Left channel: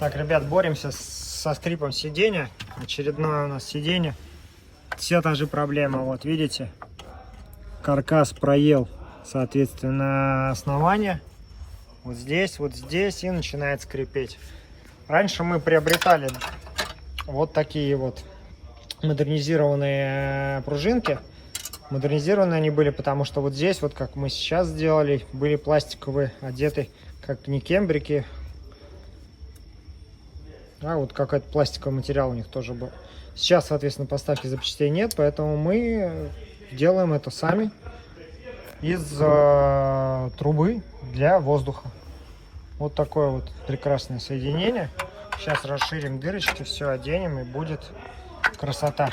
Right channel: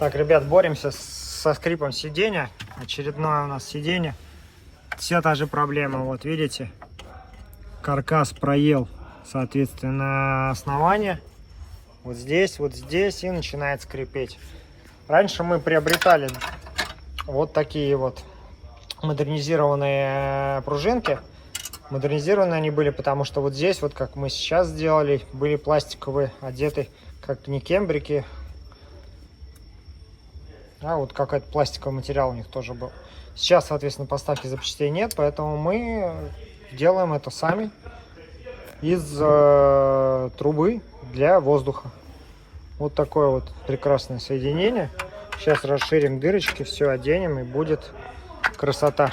Так, ребят, боремся со скрипом сиденья. Очередное у нас сиденье. Все та же проблема. Вот видите, каркас проел, соответственно, основание. Вот здесь и начинает скрипеть. Раньше мы приобретали вот такие вот модернизированные пружинки. Модернизированные они были, потому что вот здесь, вот как мы сейчас сделали, были пластиковые, одеты как не кембрики, а вот какой-то пластиковый материал у них тоже был. Сейчас, соответственно, поставки запчастей нет, поэтому мы делаем это сами из трубы для воздуха. Вот такое вот прекрасное соединение. Сейчас расширим дырочки, все оденем, и будет красота.